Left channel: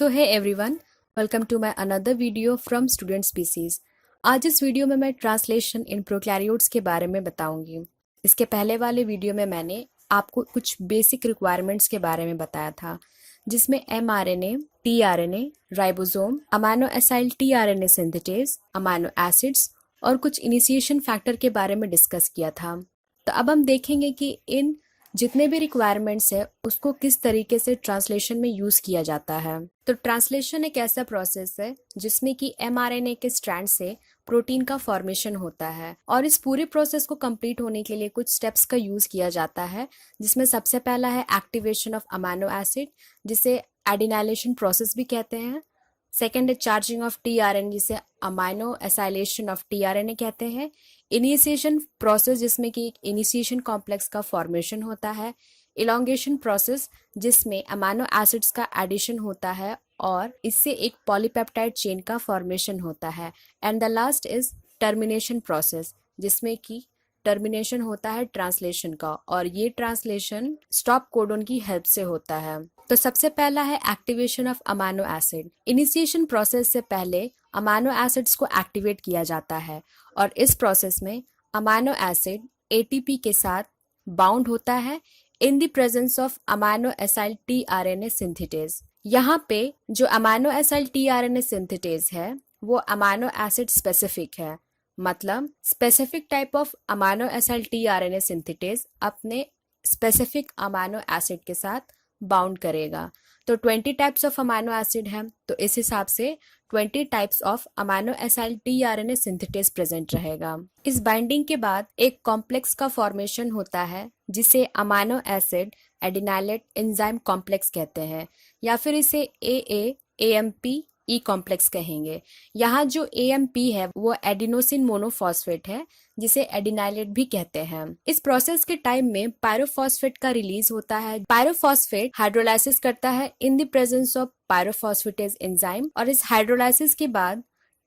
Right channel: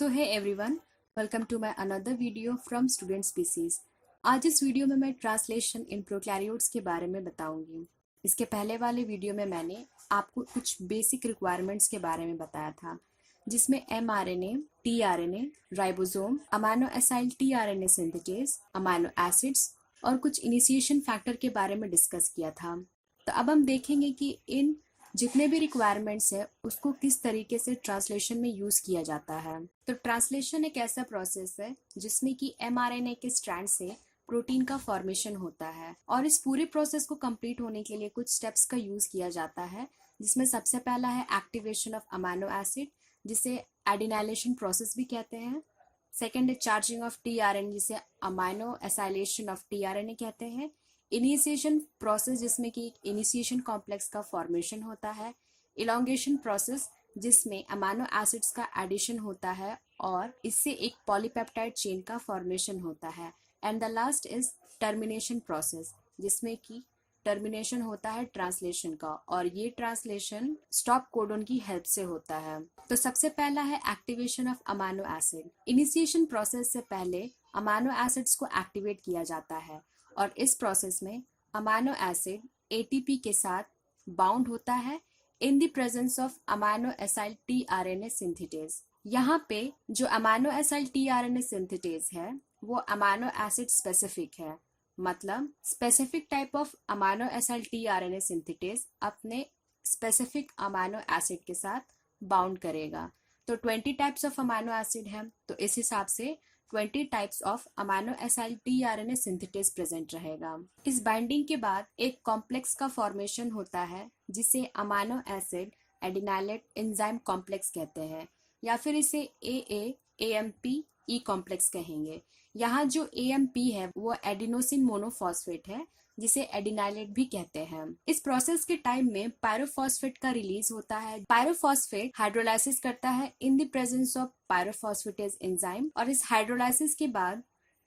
So hi everyone, welcome to my another video from student species. आज इस video में मैं ट्रांसलेशन इन प्रोकैरियोट्स के बारे में बताऊंगी। इसके पहले वाले वीडियो में मैंने आपको कुछ बेसिक रिक्वायरमेंट्स के बारे में बताया था, जिसमें mRNA, tRNA, ribosome, amino acyl tRNA synthetase, amino acids और कुछ इनिशिएशन फैक्टर के बारे में डिस्कस किया था। तो अब हम देखेंगे कि इन जितने भी रिक्वायरमेंट्स है उसको किस तरीके से ट्रांसलेशन में यूज किया जाता है। तो ट्रांसलेशन एक ऐसा प्रोसेस है जिसमें कि mRNA के स्ट्रैंड से प्रोटीन का फॉर्मेशन होता है, और इस पूरे प्रोसेस को कंप्लीट होने के लिए कुछ स्टेप्स का यूज किया जाता है, जिसमें सबसे पहला है एक्टिवेशन ऑफ अमाइनो एसिड, जिसे एडिनाइलेशन प्रोसेस भी कहते हैं। सेकेंड है चार्जिंग ऑफ tRNA, जिसे अमाइनो एसाइलेशन ऑफ tRNA कहते हैं। इनिशिएशन प्रोसेस, जिसमें कि एक इनिशिएशन कॉम्प्लेक्स का फॉर्मेशन होता है। इलोंगेशन प्रोसेस, जिसमें अमाइनो एसिड्स का एडिशन होता है और इससे एक पॉलीपेप्टाइड चेन का फॉर्मेशन होता है। And the last is termination process, जिसमें कि टर्मिनेशन होता है ट्रांसलेशन का, और ये ट्रांसलेशन स्टॉप कोडन की हेल्प से होता है। तो सबसे पहला है activation of amino acid. Initiation process से पहले अमाइनो एसिड्स को एक्टिवेट किया जाता है, और इस प्रोसेस में अमाइनो एसिड एटीपी के साथ बाउंड होता है in the presence of amino acyl tRNA synthetase. यहाँ पे जो अमाइनो एसाइल tRNA सिंथेटेज है वो अमाइनो एसिड स्पेसिफिक है, मतलब specific type of amino acyl tRNA synthetase अपने स्पेसिफिक अमाइनो एसिड के साथ बाउंड करेगा। तो 20 टाइप्स ऑफ अमाइनो एसिड है, तो इस हिसाब से 20 types of amino acyl tRNA synthetase present रहेगा। इस बाइंडिंग के बाद एक कॉम्प्लेक्स का फॉर्मेशन होता है, जिसे amino acid adenylate enzyme complex कहते हैं, या फिर इसे AMP ई कॉम्प्लेक्स कहेंगे। यहाँ जो AMP है वो एडिनोसिन मोनोफॉस्फेट है, जिसे एडिनाइलेट भी कहते हैं। इस प्रोसेस के टाइम में पायरोफॉस्फेट का रिलीज होता है। पायरोफॉस्फेट हाइड्रोलाइसिस करता है in the presence of pyrophosphatase enzyme, और इस हाइड्रोलाइसिस के बाद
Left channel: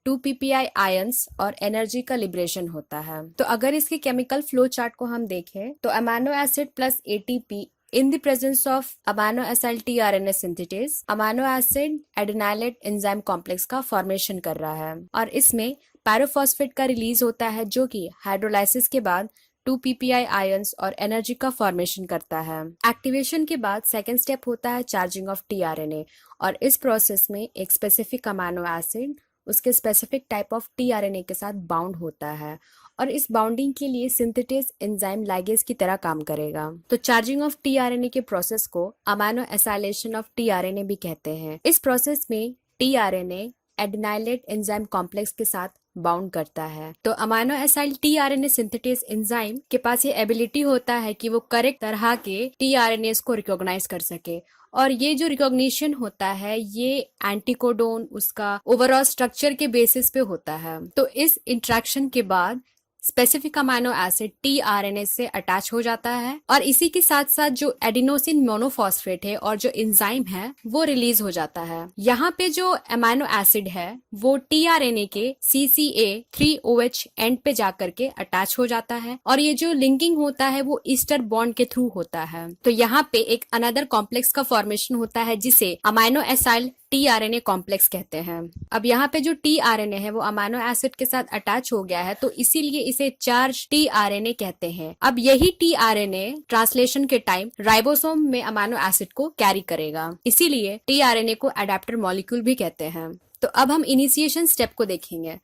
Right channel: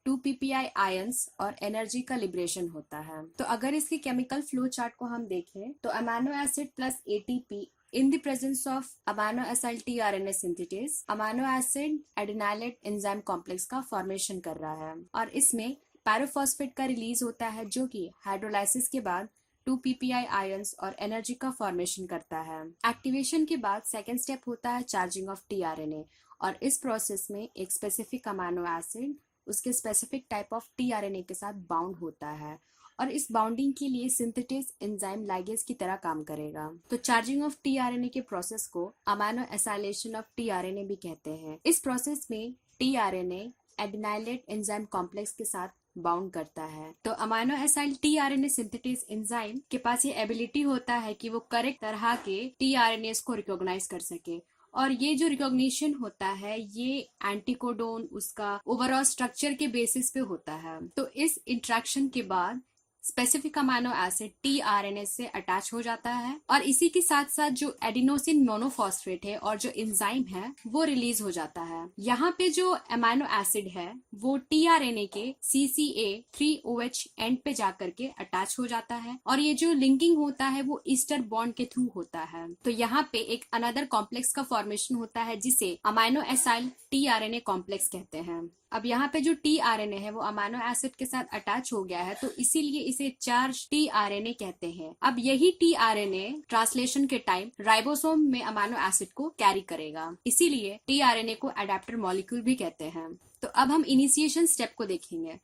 2 ppi आयंस और एनर्जी का लिबरेशन होता है। तो अगर इसके केमिकल फ्लो चार्ट को हम देखें तो amino acid plus ATP in the presence of amino acyl tRNA synthetase, amino acid adenylate enzyme complex का फॉर्मेशन कर रहा है, और इसमें पायरोफॉस्फेट का रिलीज होता है, जो कि हाइड्रोलाइसिस के बाद 2 ppi आयंस और एनर्जी का फॉर्मेशन करता है। एक्टिवेशन के बाद सेकेंड स्टेप होता है चार्जिंग ऑफ tRNA, और इस प्रोसेस में एक स्पेसिफिक अमाइनो एसिड उसके स्पेसिफिक टाइप ऑफ tRNA के साथ बाउंड होता है, और इस बाउंडिंग के लिए सिंथेटेज एंजाइम लाइगेज की तरह काम करेगा। तो चार्जिंग ऑफ tRNA के प्रोसेस को अमाइनो एसाइलेशन ऑफ tRNA भी कहते हैं। इस प्रोसेस में tRNA एडिनाइलेट एंजाइम कॉम्प्लेक्स के साथ बाउंड करता है। तो amino acyl tRNA synthetase enzyme के पास ये एबिलिटी होता है कि वो करेक्ट तरह के tRNAs को रिकॉग्नाइज कर सके, और ये जो रिकॉग्निशन होता है ये एंटीकोडोन उसका ओवरऑल स्ट्रक्चर के बेसिस पे होता है। तो इस इंट्रैक्शन के बाद स्पेसिफिक अमाइनो एसिड tRNA से अटैच हो जाता है, और इसी के साथ साथ जो एडिनोसिन मोनोफॉस्फेट है और जो एंजाइम है वो रिलीज हो जाता है। यहाँ पे जो अमाइनो एसिड है वो tRNA के CCA3OH एंड पे जाकर के अटैच हो जाता है, और ये जो लिंकिंग होता है वो ईस्टर बॉन्ड के थ्रू होता है। तो यहाँ पे एक अनदर कॉम्प्लेक्स का फॉर्मेशन होता है, जिसे अमाइनो एसाइल tRNA कॉम्प्लेक्स कहते हैं। अब यहाँ पे जो tRNA है वो अमाइनो एसिड के साथ अटैच हो गया है, तो इसीलिए इसे चार्ज tRNA कहते हैं। अब यही tRNA ट्रांसलेशन के टाइम राइबोसोम में अमाइनो एसिड को कैरी करेगा, इसीलिए tRNA को एडाप्टर मॉलिक्यूल भी कहते हैं। तो अब हम इनिशिएशन स्टेप को देखेंगे।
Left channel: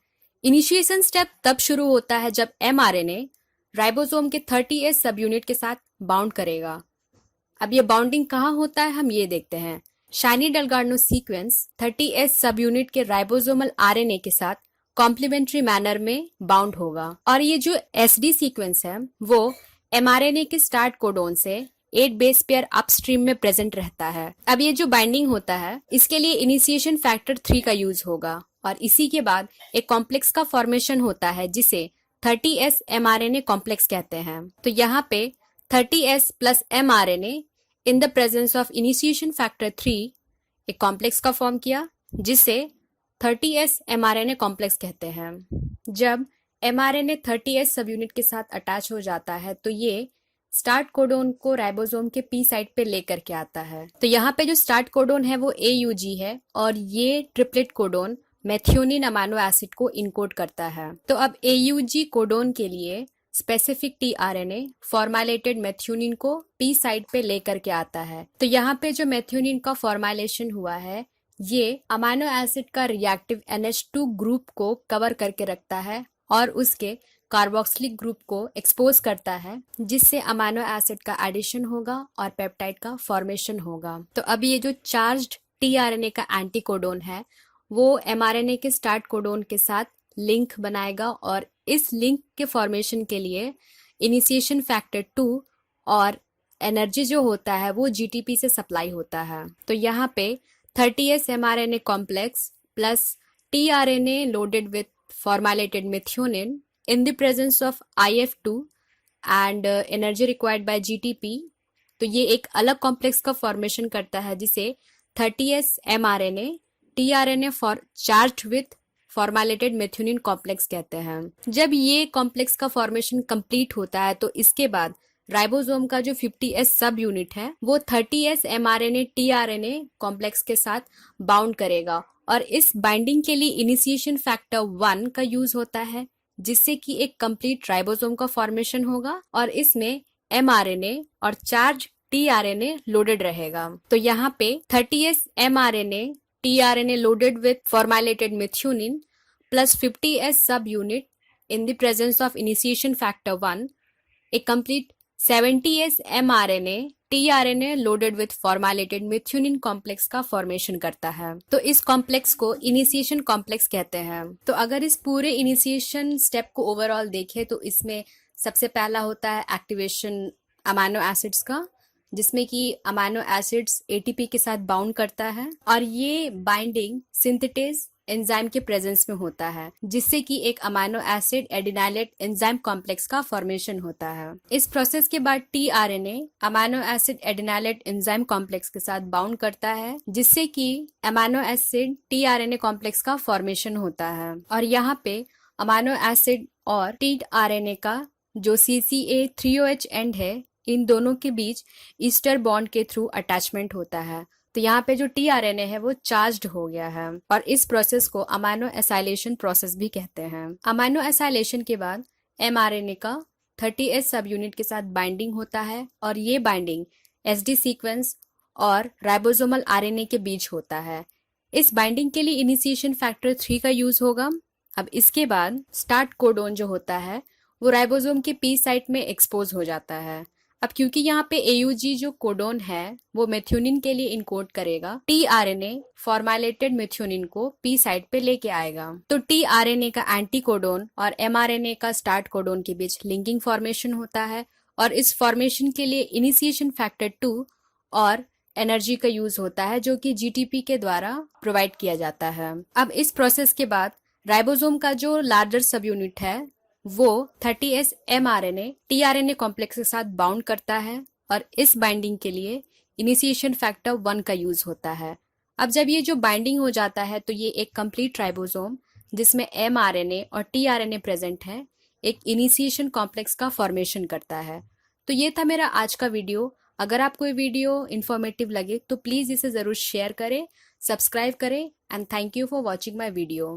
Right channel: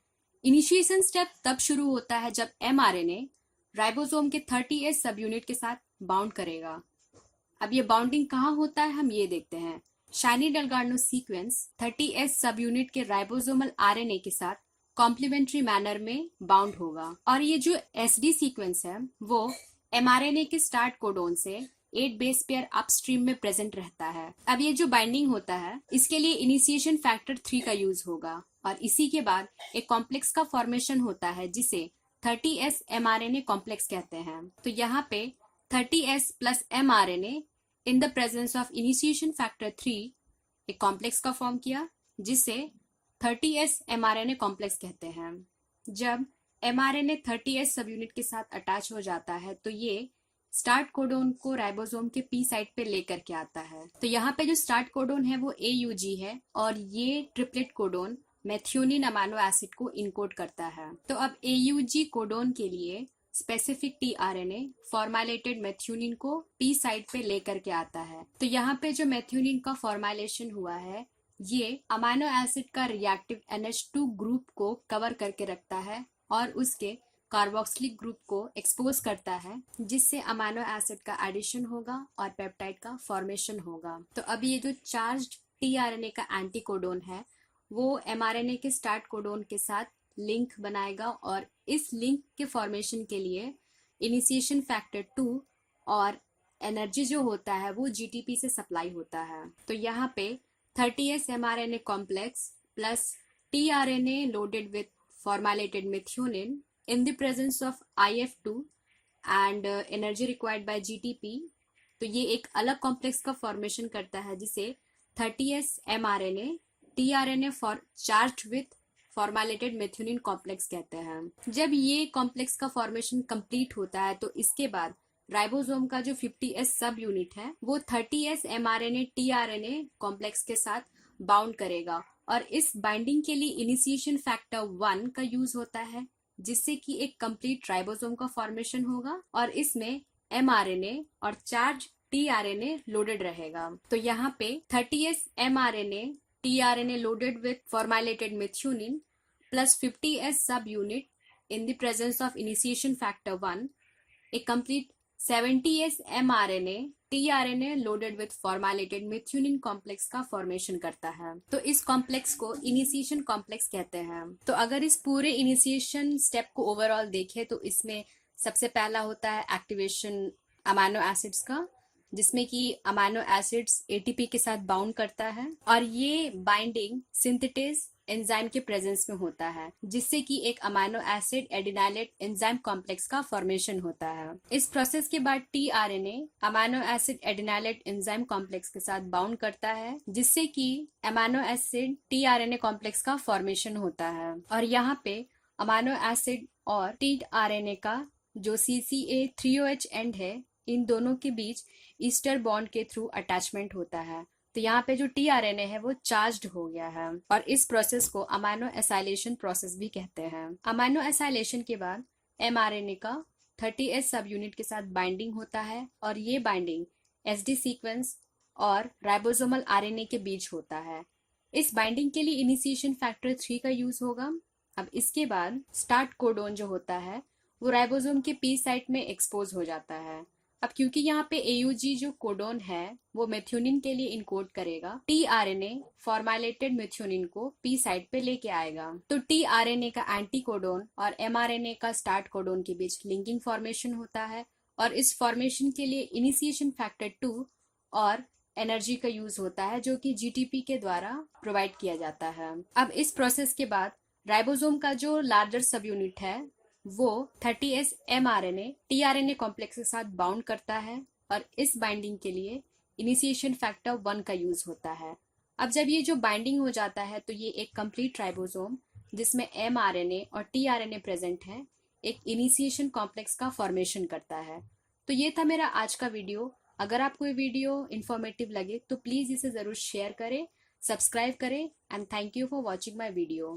इनिशिएशन स्टेप तब शुरू होता है जब mRNA राइबोसोम के 30S सब यूनिट के साथ बाउंड करेगा। अब ये बाउंडिंग कहाँ होता है हम ये देखते हैं। शाइनी डेलगार्नो सीक्वेंस 30S सब यूनिट के राइबोसोमल RNA के साथ कॉम्प्लीमेंट्री मैनर में बाउंड होगा, और ये जो SD सीक्वेंस है वो mRNA के स्टार्ट कोडोन से 8 बेस पेयर अपस्ट्रीम में प्रेजेंट रहता है। अब ये जो बाइंडिंग होता है इसके लिए इनिशिएशन फैक्टर 3 का यूज होगा, और इसी के बाद एक कॉम्प्लेक्स का फॉर्मेशन होता है जिसे 30S mRNA कॉम्प्लेक्स कहते हैं। तो यहाँ पे 30S plus mRNA in the presence of initiation factor 3 एक कॉम्प्लेक्स का फॉर्म किया, जिसे 30S mRNA कॉम्प्लेक्स कहते हैं। जब mRNA 30S सब यूनिट के साथ अटैच हो जाता है तो ये स्टार्ट कोडोन को राइबोसोम के पी साइट पे लेकर के आता है। तो यहाँ पे जो स्टार्ट कोडोन है वो AUG है और ये triplet codon methionine amino acid को इनकोड करता है। तो अब AUG कोडोन के लिए स्पेसिफिक tRNA फॉर्मेलेटेड मेथियोनिन को पी साइट पे लेकर के आता है। तो यहाँ पे जो मेथियोनिन का फॉर्मेलेशन हुआ है ये अमाइनो एसिड का रिएक्टिव NH2 ग्रुप को कवर करके रखता है और उसके कार्बोक्सिलिक ग्रुप को एक्सपोज करता है, जिससे अमाइनो एसिड का एडिशन होगा और पेप्टाइड का फॉर्मेशन होगा। तो अब ये जो चार्ज्ड tRNA का एंटीकोडोन है वो mRNA के स्टार्ट कोडोन के साथ लिंक बनाएगा और इस लिंक के फॉर्मेशन के लिए इनिशिएशन फैक्टर 2 और एनर्जी जो होता है वो GTP से सप्लाई होता है। तो यहाँ पे 30S mRNA complex plus tRNA loaded with formylated methionine in the presence of IF2 and energy required by GTP, तो ये एक अलग कॉम्प्लेक्स का फॉर्मेशन करता है जिसे 30S mRNA tRNA for charged with formylated methionine complex कहते हैं। जब ये कॉम्प्लेक्स का फॉर्मेशन कंप्लीट होता है तो इसके बाद राइबोसोम का जो 50S सब यूनिट है वो 30S mRNA tRNA कॉम्प्लेक्स के साथ बाउंड करेगा और इस बाइंडिंग के लिए इनिशिएशन फैक्टर 1 का यूज होता है, जिससे कि एक कंप्लीट राइबोसोम का फॉर्मेशन होगा और इसमें mRNA और चार्ज tRNA लोडेड रहेगा। तो यहाँ पे 30S mRNA tRNA loaded with formylated methionine plus 50S subunit in the presence of initiation factor 1 एक complete 70S mRNA tRNA loaded with formylated methionine complex का फॉर्मेशन करता है। तो इस कॉम्प्लेक्स को इनिशिएशन कॉम्प्लेक्स कहते हैं। तो अगर इस पूरे इनिशिएशन स्टेप को ओवरऑल देखें तो इसमें सबसे पहला होता है एक्टिवेशन अमाइनो एसिड्स का, जिसमें कि अमाइनो एसिड्स ATP के साथ बाउंड करता है और ये बाइंडिंग सिंथेटेज एंजाइम के प्रेजेंस में होता है, जिससे कि एक amino acid adenylate enzyme complex का फॉर्मेशन होता है। इस प्रोसेस के बाद tRNA amino acid adenylate enzyme complex के साथ बाउंड करता है, जिससे कि अमाइनो एसिड tRNA कॉम्प्लेक्स का फॉर्मेशन होता है और यहाँ पे अमाइनो एसिड और tRNA का जो CCA3OH एंड है इन दोनों के बीच ईस्टर बॉन्ड के थ्रू अटैचमेंट होता है। तो यहाँ पे जो tRNA है वो चार्ज्ड हो गया है और इस प्रोसेस को अमाइनो एसाइलेशन प्रोसेस भी कहते हैं। अमाइनो एसाइलेशन के बाद mRNA का 30S सब यूनिट के साथ बाइंडिंग होता है और ये बाइंडिंग SD सीक्वेंस और राइबोसोमल RNA के बीच होता है। इस बाइंडिंग के लिए इनिशिएशन फैक्टर 3 का यूज होगा। अब इसके बाद स्टार्ट कोडोन जो होता है वो राइबोसोम के पी साइट में एक्सपोज हो जाता है। अब क्योंकि यहाँ पे AUG जो कोडोन है वो मेथियोनिन के लिए इनकोड करेगा, tRNA फॉर्मेलेटेड मेथियोनिन को पी साइट पे लेके आएगा। तो tRNA का एंटी कोडोन और mRNA का स्टार्ट कोडोन के बीच लिंकिंग फॉर्मेशन होता है और इस फॉर्मेशन के लिए इनिशिएशन फैक्टर 2 और एनर्जी का यूज होता है जो कि GTP के द्वारा प्रोवाइड किया जाता है। अब इस प्रोसेस के बाद राइबोसोम का जो लार्जर सब यूनिट है वो 30S mRNA tRNA कॉम्प्लेक्स के साथ बाउंड करता है और इस बाइंडिंग के लिए इनिशिएशन फैक्टर 1 का यूज होता है। अब जब ये जो बाइंडिंग हो जाता है तो ये एक कंप्लीट राइबोसोम जिसमें mRNA और tRNA प्रेजेंट है एक इनिशिएशन कॉम्प्लेक्स का फॉर्मेशन करता है। तो ये था मेरा आज का वीडियो। अगर आपको ये वीडियो इन्फॉर्मेटिव लगे तो प्लीज़ इसे ज़रूर शेयर करें, सब्सक्राइब करें and thank you for watching my video.